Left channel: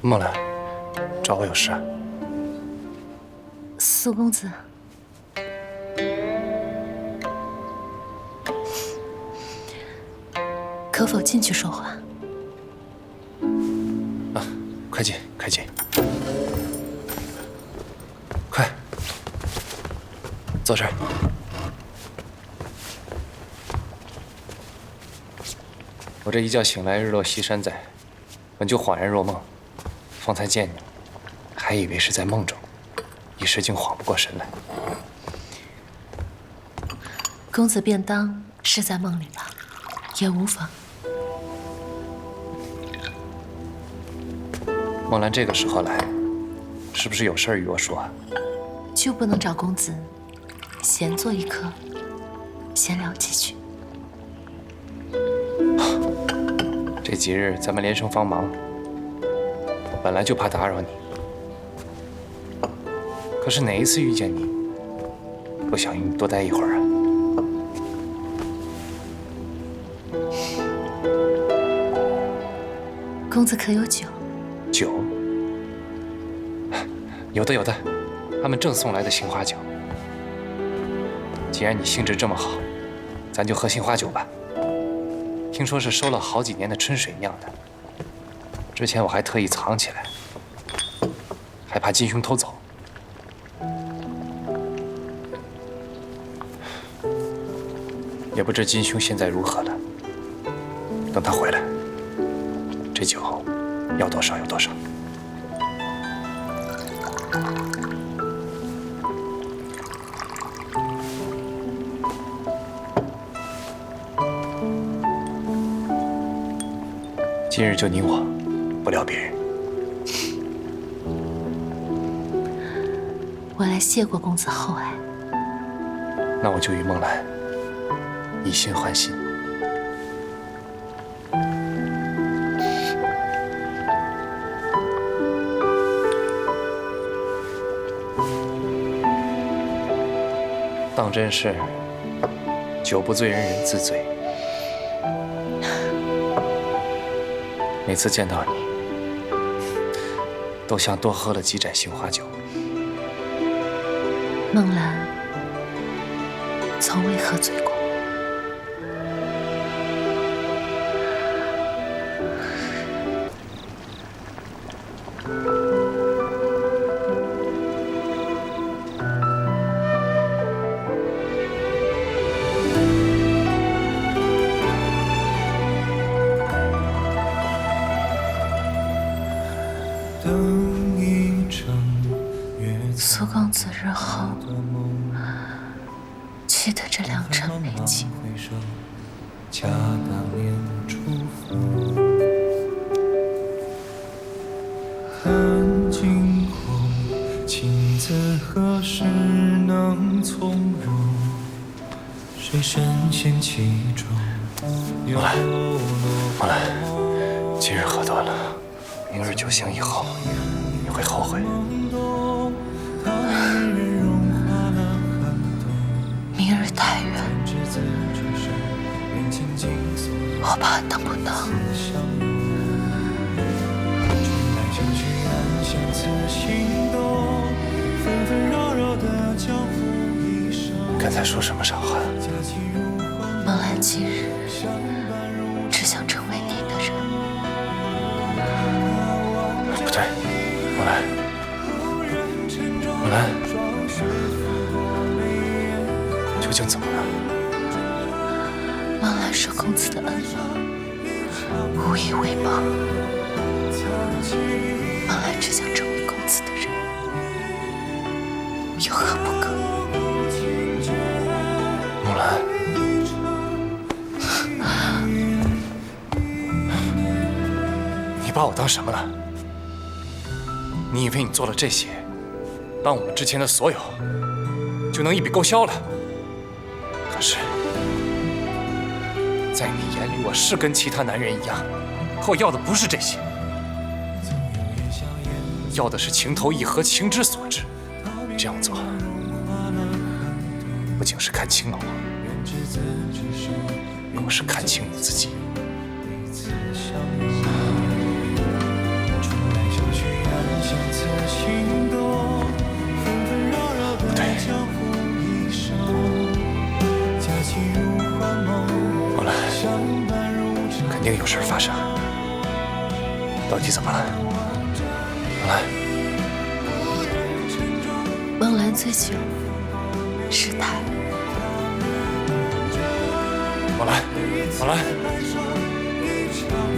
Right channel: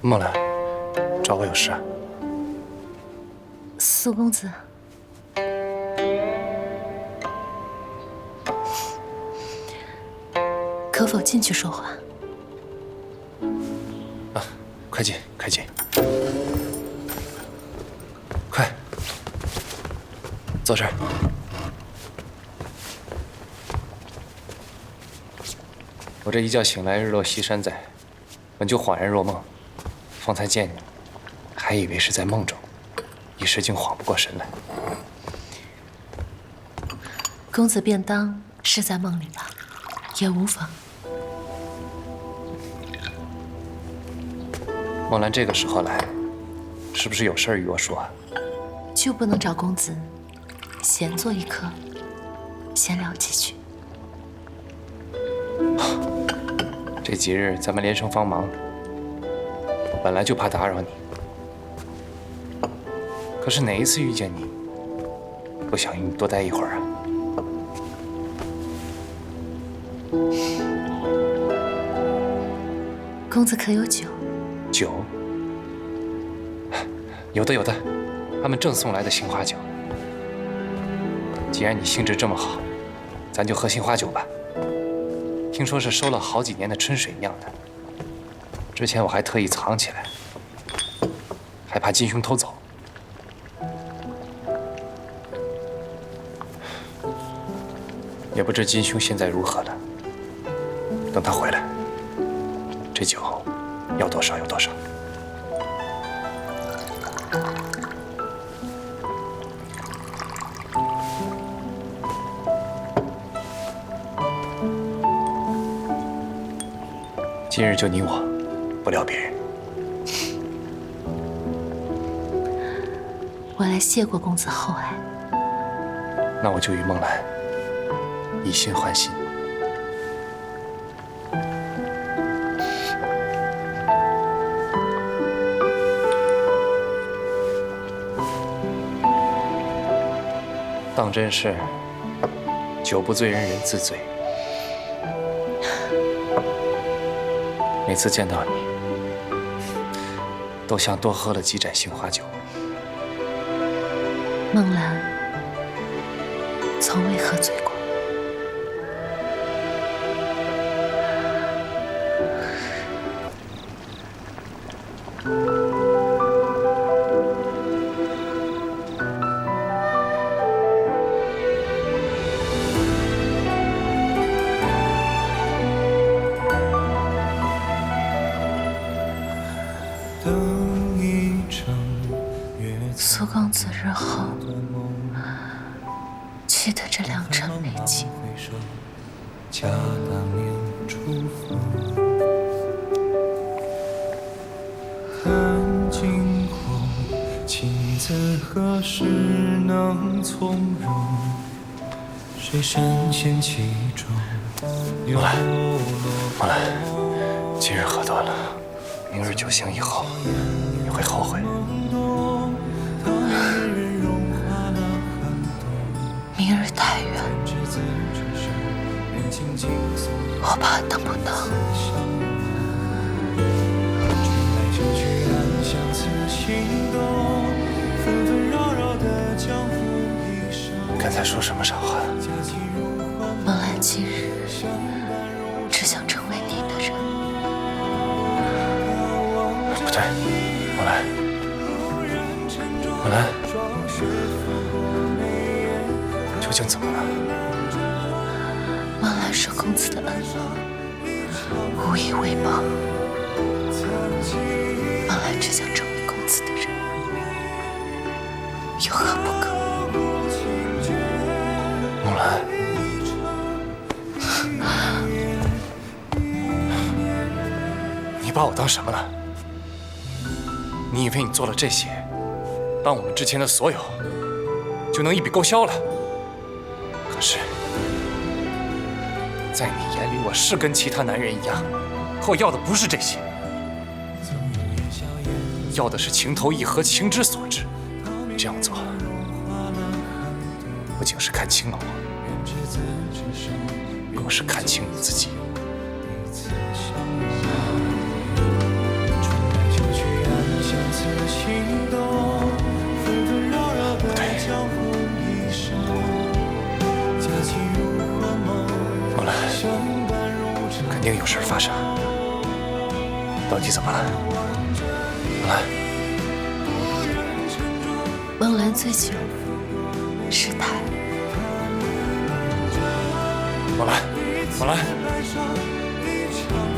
梦兰，找我有事啊？苏公子，可否进去说话？啊，快进，快进，快，坐这儿。我这一觉醒来，日落西山在，本就恍然若梦，方才见你，还以为是在梦中，一时竟缓不过神来。公子便当是在梦里吧，也无妨。梦兰这个时候来，是不是有事儿与我说？就不能找公子闲坐一刻，闲聊几句？这几日咱们连生帮忙，我本来就怕打扰你。可是哪一次遇见你，不想与你多待一会儿啊？公子可有酒？酒？有的，有的，他们正送来的杏花酒。既然你兴致这么好，咱就喝杏花酒吧。听说是收了好几年的春水酿的，之前我还特意藏起来，害怕金兄偷走。也不知金兄现在如何了。等他回来，这酒要多少有多少。今日就你我，不聊别人。我来谢过公子厚爱。那我就与梦兰以心换心。当真是酒不醉人人自醉。每次见到你，都像多喝了几盏杏花酒。梦兰从未喝醉过。苏公子日后记得这良辰美景。恰当年初惊鸿，情字何时能从容？谁深陷其中？梦兰，梦兰，今日喝多了，明日酒醒以后，你会后悔。明日太远，我怕等不到。刚才说什么傻话？梦兰今日只想成为你的人。不对，梦兰，梦兰，究竟怎么了？梦兰受公子的恩了，无以为报。梦兰只想成为公子的人，有何不可？梦兰，你把我当什么了？你以为你做了这些，当我们之前的所有就能一笔勾销了？可是，在你眼里，我是跟其他男人一样，可我要的不是这些，要的是情投意合、情之所至。这样做，不仅是看清了我，更是看清你自己。的心动，纷纷扰扰的江湖一生，佳期如幻梦，梦兰，相伴。肯定有事发生。到底怎么了？梦兰，梦兰醉酒，失态。梦兰，梦兰，